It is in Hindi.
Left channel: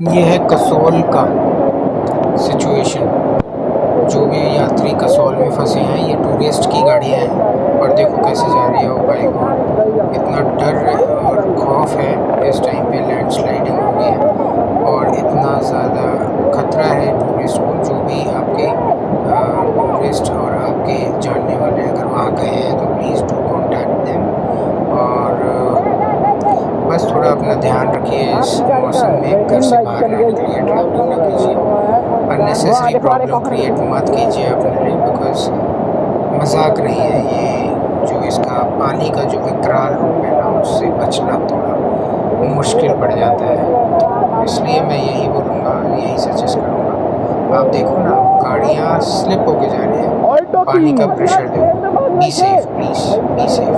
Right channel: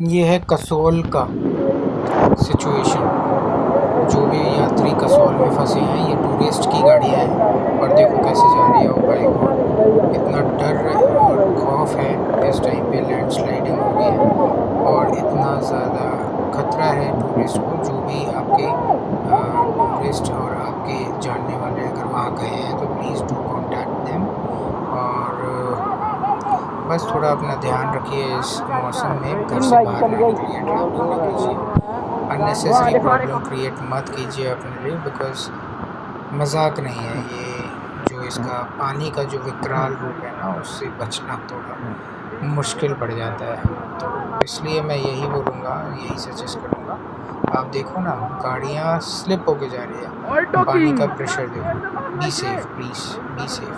ये है कसौल का सिचुएशन। जो भी यात्री कसौल में फंसे हैं, ये टूरिस्ट की गाड़ियाँ हैं और देखो कैसे जा रही है। ओ भाई गॉड, इतना डर और खौफ है इस टाइम पे। लैंडस्लाइडिंग हो रही है और इतना ज़्यादा खतरा है टूरिस्ट को। जो भी आपके टूरिस्ट और आपके जानने वाले अगर वहाँ गए हैं तो प्लीज़ डू कॉन्टैक्ट देम। और बस थोड़ा अपना ध्यान रखिए इस मौसम में। घर से बाहर ना निकलिए, ट्रैवलिंग ना कीजिए, अननेसेसरी प्रॉब्लम क्रिएट मत कीजिए अपने लिए, बिकॉज मजाक नहीं है ये। जो इसका पानी का जो विकराल रूप है ना, उससे बचना थोड़ा मुश्किल पड़ जाता है। तो इसलिए मैं यही बोलूँगा, यही सजेस्ट करूँगा। आप देखो ना, गाड़ियाँ स्लिप होके जा रही हैं, पानी का प्रेशर देखो। Be safe please, be safe.